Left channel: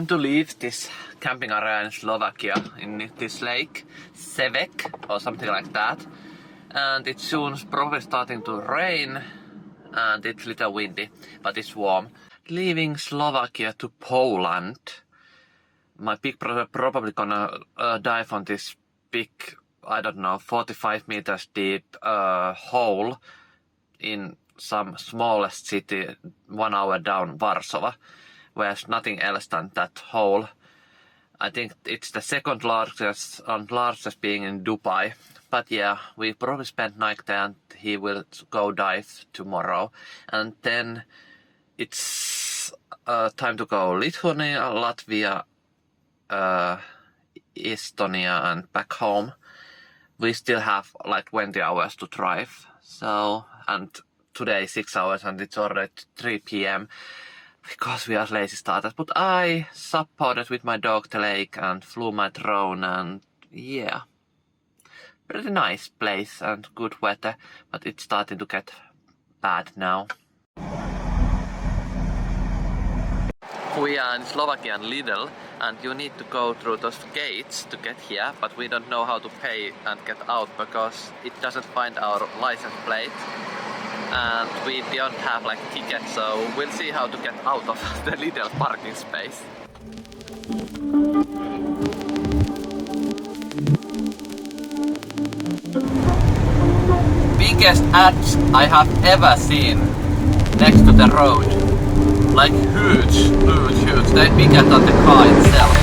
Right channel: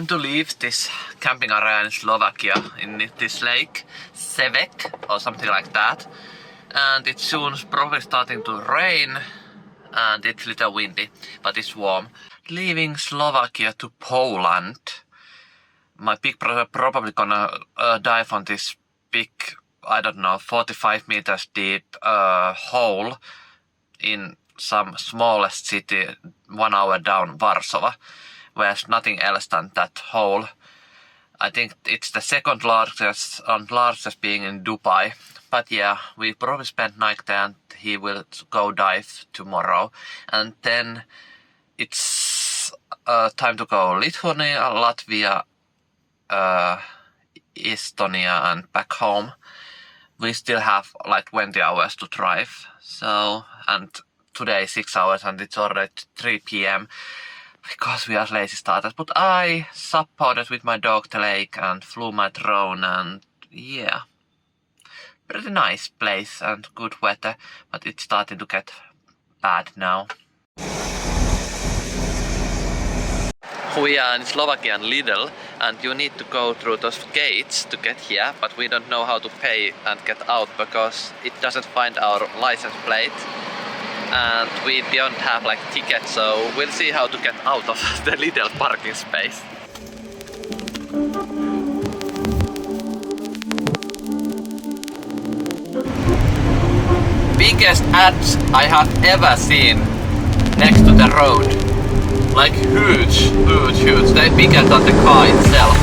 time to leave this camping area in Slovakia, in this lake, Senec or something like that. And it's soon probably starting to rain and it's a little windy, but it's warm. Leaving Slovakia to Poland. My big brother probably gonna dive on this big, I don't know, 45 meters deep hole in some smallest city 1 hour down Warsaw, where there's nothing else than that hole. I think it's the second largest and largest being in Dubai. But yeah, we probably spent night there and he will go dive tomorrow. And then it's time to go Lithuania, Latvia, Estonia and back home. We still have like 20 hours to drive. So, and today 6 hours and it's already 3 p.m. because we are lazy starters. But I SUP-boarded with my dog the lake and flew my drone and yeah. Pretty nice place and good weather, but it's starting to get bad now. We are in Slovakian Lidl and you need to go through those gates to get here, but we don't know how to pay and get out because it doesn't find our license plate and we don't have like tickets, so we'll see how to get out of the Lidl parking space. Biggest ads I have ever seen next to the road. Like huge. They're bigger than the car itself.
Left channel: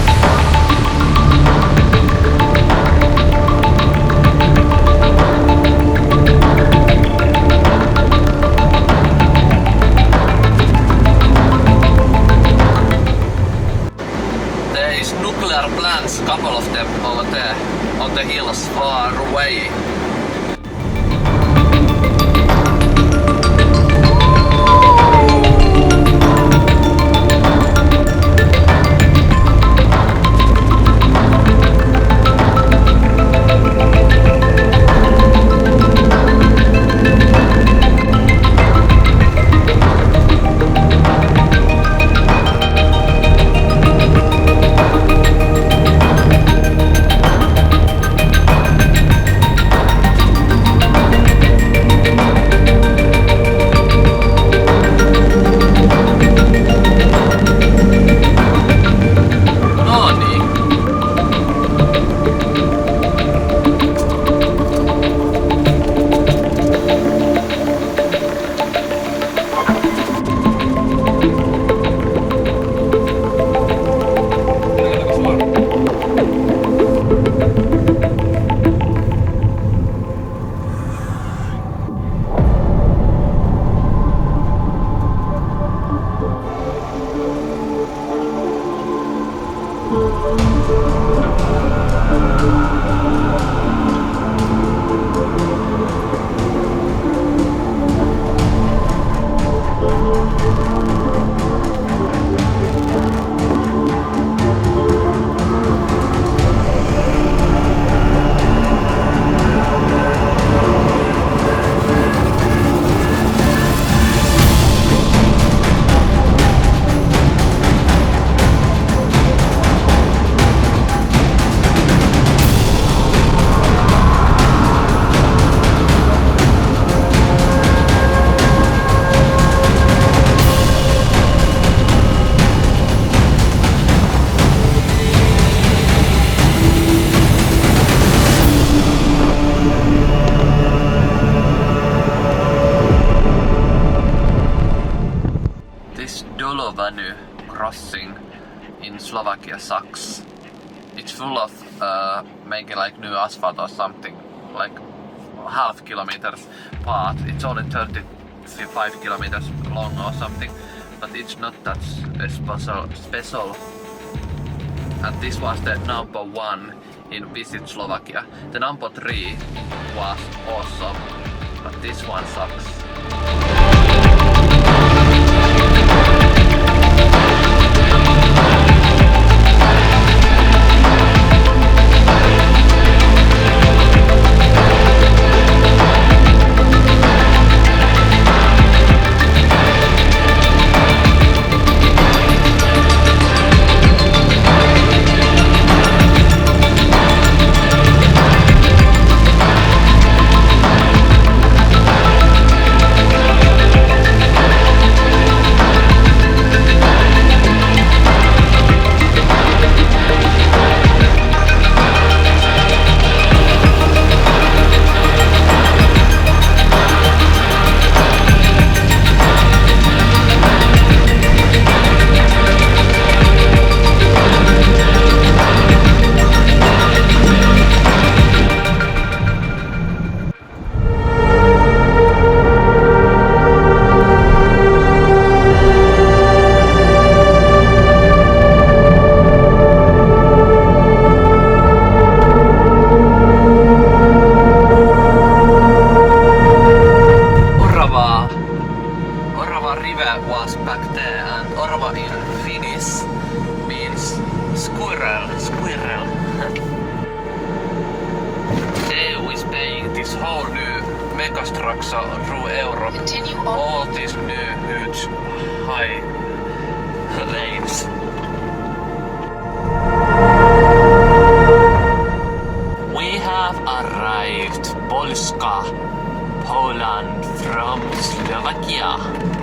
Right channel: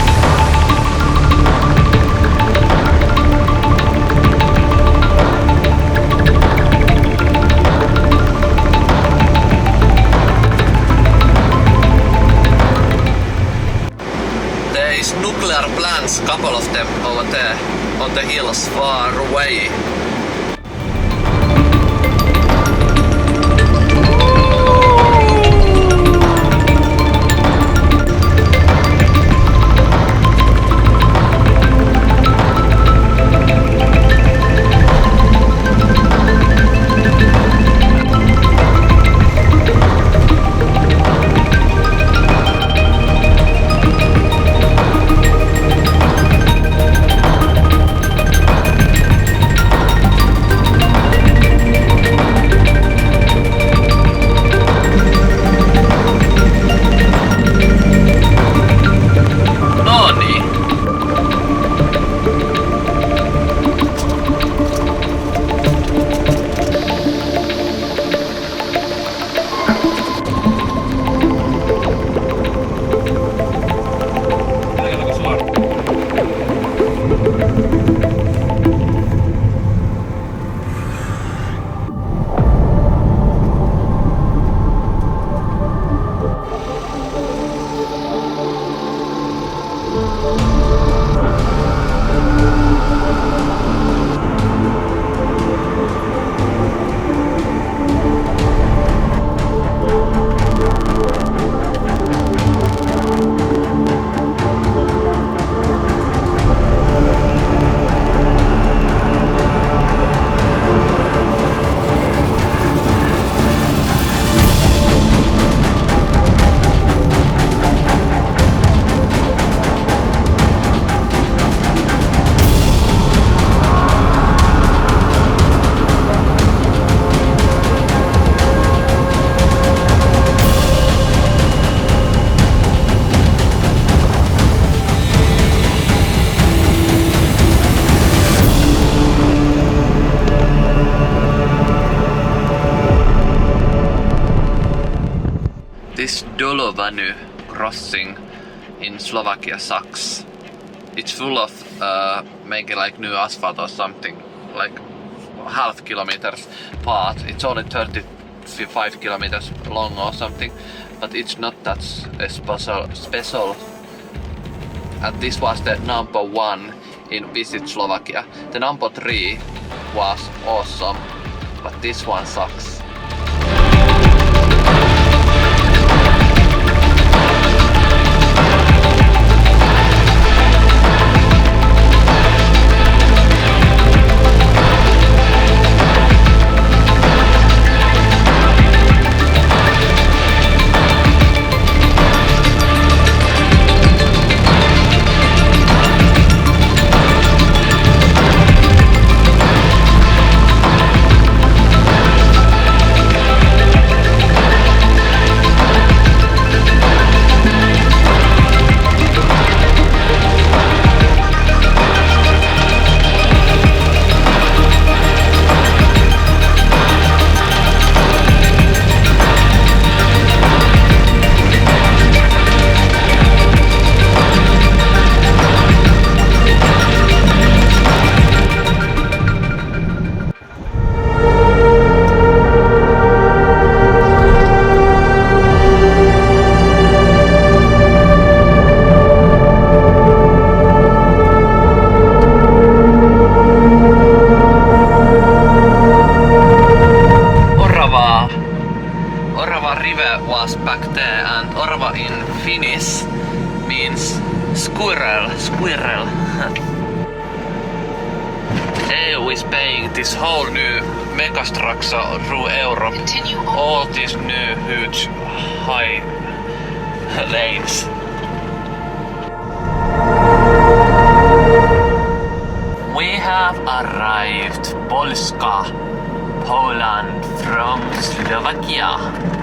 There is nuclear plants, couple of them over there on the hills far away. This Donovaly crossing in Slovakia sucks. It's full of making like new asphalt or something, like half kilometers part. It's only 35 kilometers long or something, but it's not that special. And this was the number 1 in Visit Slovakia. The number 3 was awesome, but this one sucks. Orava river was back there, and Orava in Finnish means squirrel. EU is paying this whole new megastructure through Europe. All these new huge high lanes. We have arrived Polska, Poland from Slovakia.